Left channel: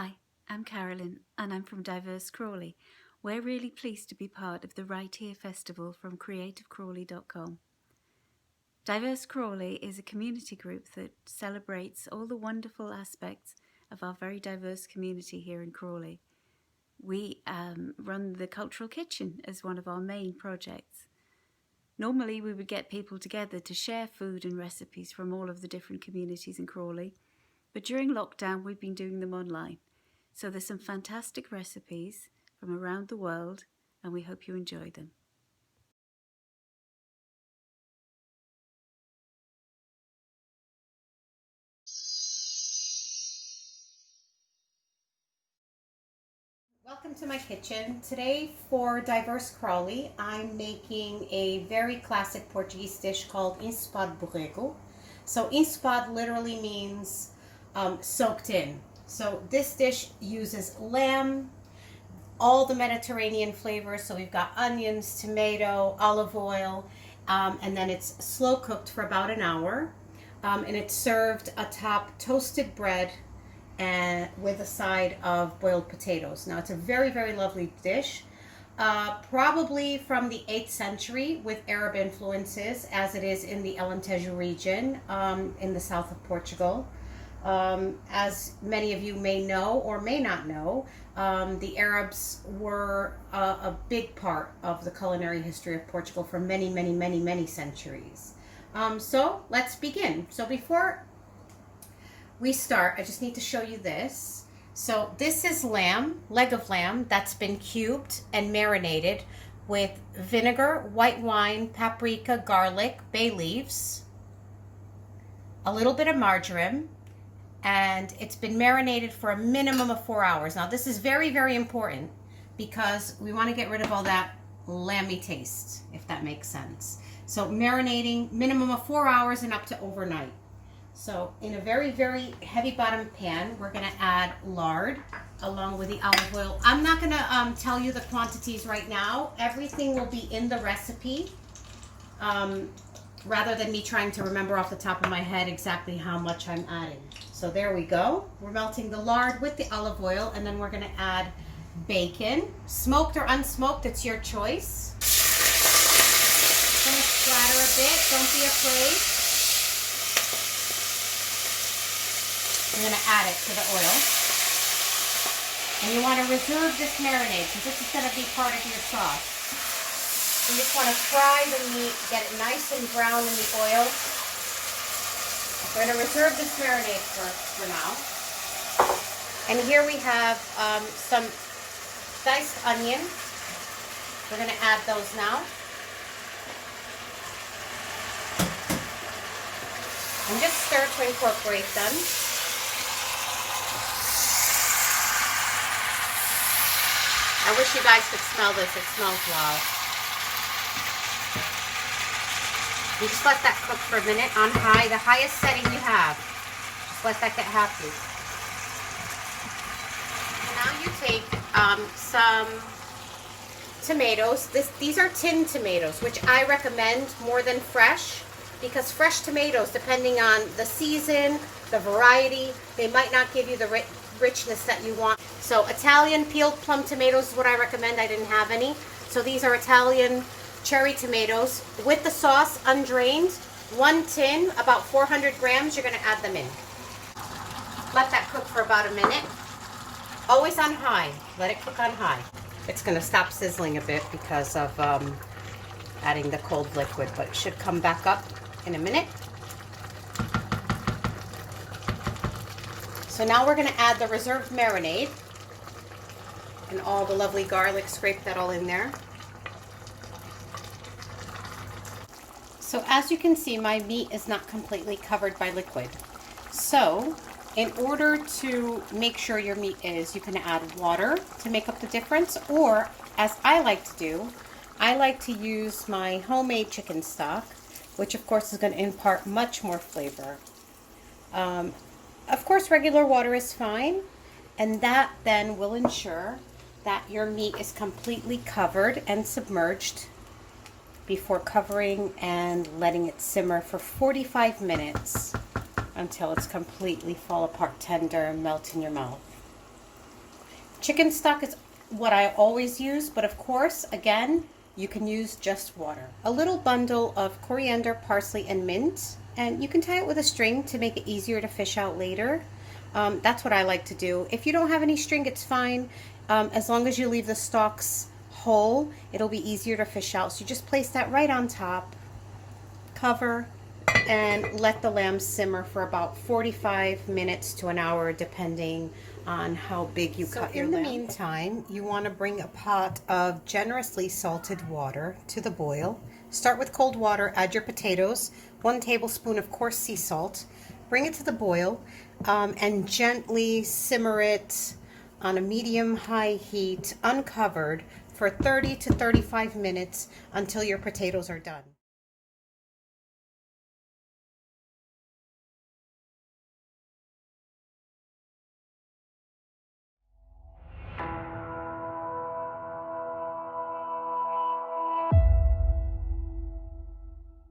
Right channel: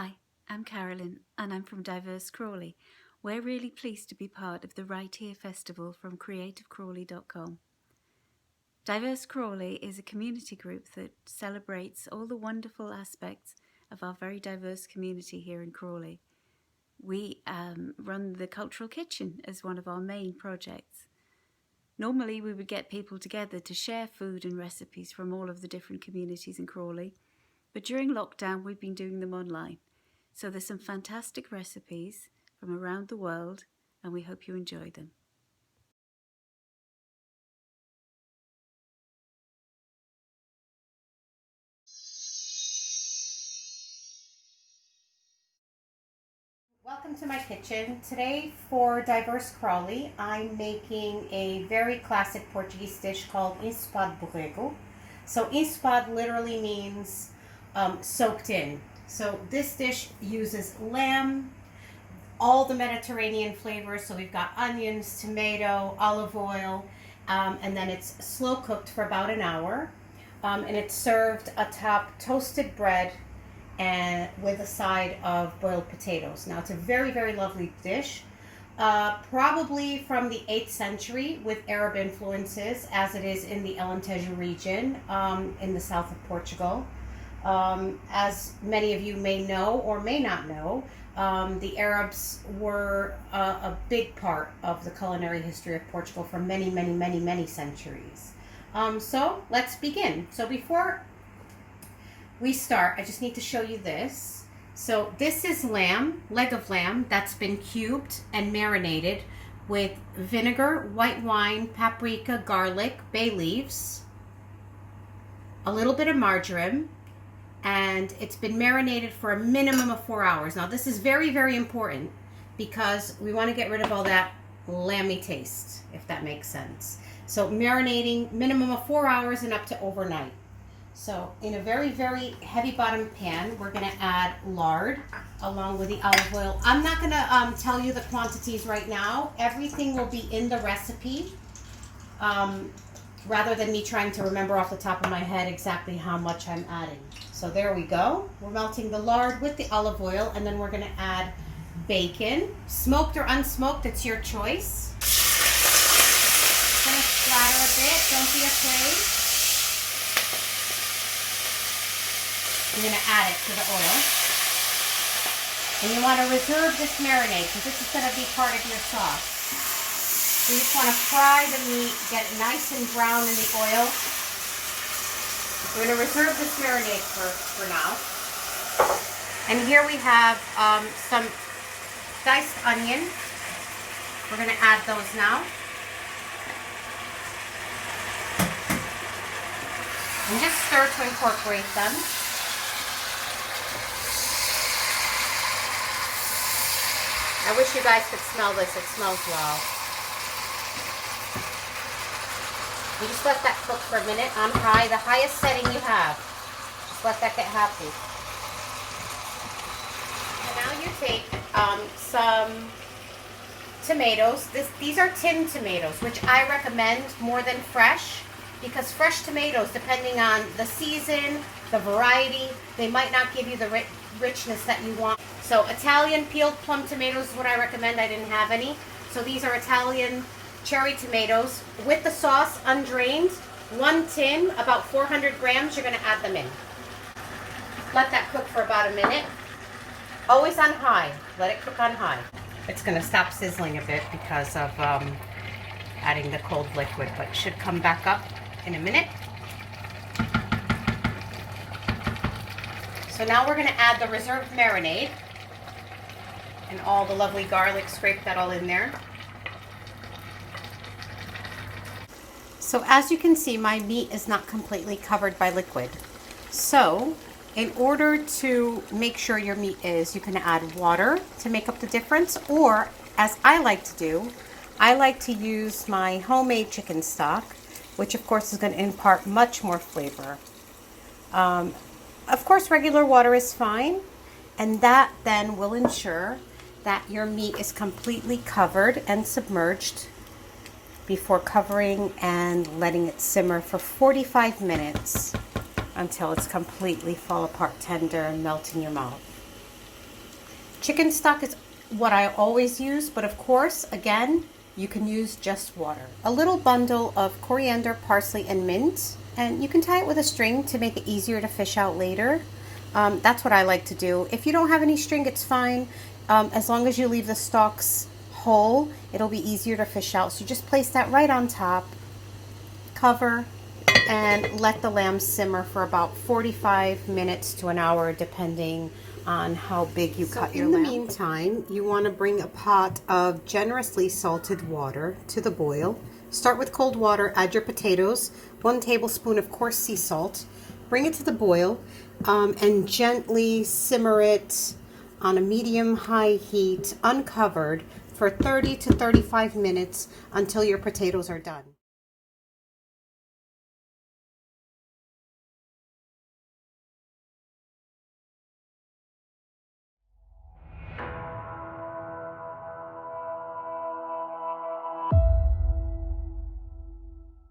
Hi, I'm Carolyn and I'm from DiverseCrawley. We're really pleased to be part of the Right Here Festival from creativecrawley.com. DiverseCrawley is a community group that celebrates all the wonderful aspects of our very diverse community here in Crawley. We run the Cultural Kitchen as one of our main projects. Normally we would get people together to share food and recipes from all of the different communities in Crawley, but during lockdown we've been doing them online. So there's some fantastic recipes from around the world and we hope you enjoy them. Welcome to my kitchen. Today for DiverseCrawley, I'm making a very classic Portuguese dish called ensopado borrego. So ensopado literally means soaked in. So this dish uses lamb, all the Mediterranean flavors. So we've got onions, tomato, olive oil, and then it's slow cooked for about an hour. And it's served atop toasted bread and with a side of boiled potatoes. Now it's a very, very lovely dish, probably from the 8th century with Arab influences, as it is in the Alentejo region in the south of Portugal. As many of you may know or may not know, the Arabs were a big part of the culinary history of Portugal for many, many, many, many centuries. So let's begin. So before we start, I just need to show you this. So this is lamb, leg of lamb that's been cubed and marinated with vinegar, white wine, paprika, garlic, bay leaves, a little bit of marjoram, and it's been marinated for a minimum of 4 hours. Now this is very, very important because we want to get rid of all that lamby taste, if that makes sense. So marinating minimum of 4 hours and up to overnight. So in a very, very heavy bottom pan, we're going to add lard along with the olive oil. I'm not going to tell you the quantities right now. Everything will be in the recipe, rather than me trying to remember off the top of my head exactly how much I'm adding. So there we go. We're melting the lard with the olive oil, and then we're going to add bacon, smoked or unsmoked, it's your choice. Going to splatter a bit, don't be afraid. You're going to add it to the oil. And you want to reserve this marinade because this is going to be part of your sauce. You just want to fry the meat, get it nice and brown in the oil. We're going to reserve this marinade for now. And here we have some diced onion. We're going to add those now. And just stir to incorporate them. I wish you guys could smell this. It smells wow. And just let that cook for a minute on high, the highest setting you have. Just let that get happy. Now you take some tomatoes. These are tinned tomatoes, which I recommend more than fresh, because fresh tomatoes, depending on the season, the variety, they might not give you the richness that you want. So Italian peeled plum tomatoes is what I recommend. I didn't have any. So these are Italian cherry tomatoes with the sauce undrained. One tin, about 400 grams, you're going to add them in. Let that cook for about a minute. Always on high. Let it cook on high. It's going to stop sizzling a bit because of adding the cold liquid, but it should come back up in a minute. So now we're going to add the reserved marinade and all the lovely garlic, scrape that all in there. So as you can see, my meat is not completely covered by liquid. So in order to make sure your meat is, you can add water to make up the difference, or as I like to do, I like to use my homemade chicken stock, which of course is going to impart much more flavor. Of course, regular water is fine, and that then will ensure that your meat is completely covered and submerged before covering and letting it simmer for 45 minutes until it's completely fall apart tender and melt in your mouth. Chicken stock is what I always use, but of course, again, you can use just water. A little bundle of coriander, parsley, and mint, and you can tie it with a string to make it easier to fish out later. That's what I like to do. If you don't have any string, it's fine. As long as you leave the stalks whole, it'll be easier to fish out. So you just place that right on top, cover, and let the lamb simmer for about 45 minutes to an hour, depending on how big you cut your lamb. In the meantime, you want to bring a pot of generously salted water to the boil. Start with cold water, add your potatoes, 1 tablespoon of coarse sea salt, bring it to the boil, and gently simmer it on a medium-high heat, uncovered, for 30 to 35 minutes until your potatoes are done.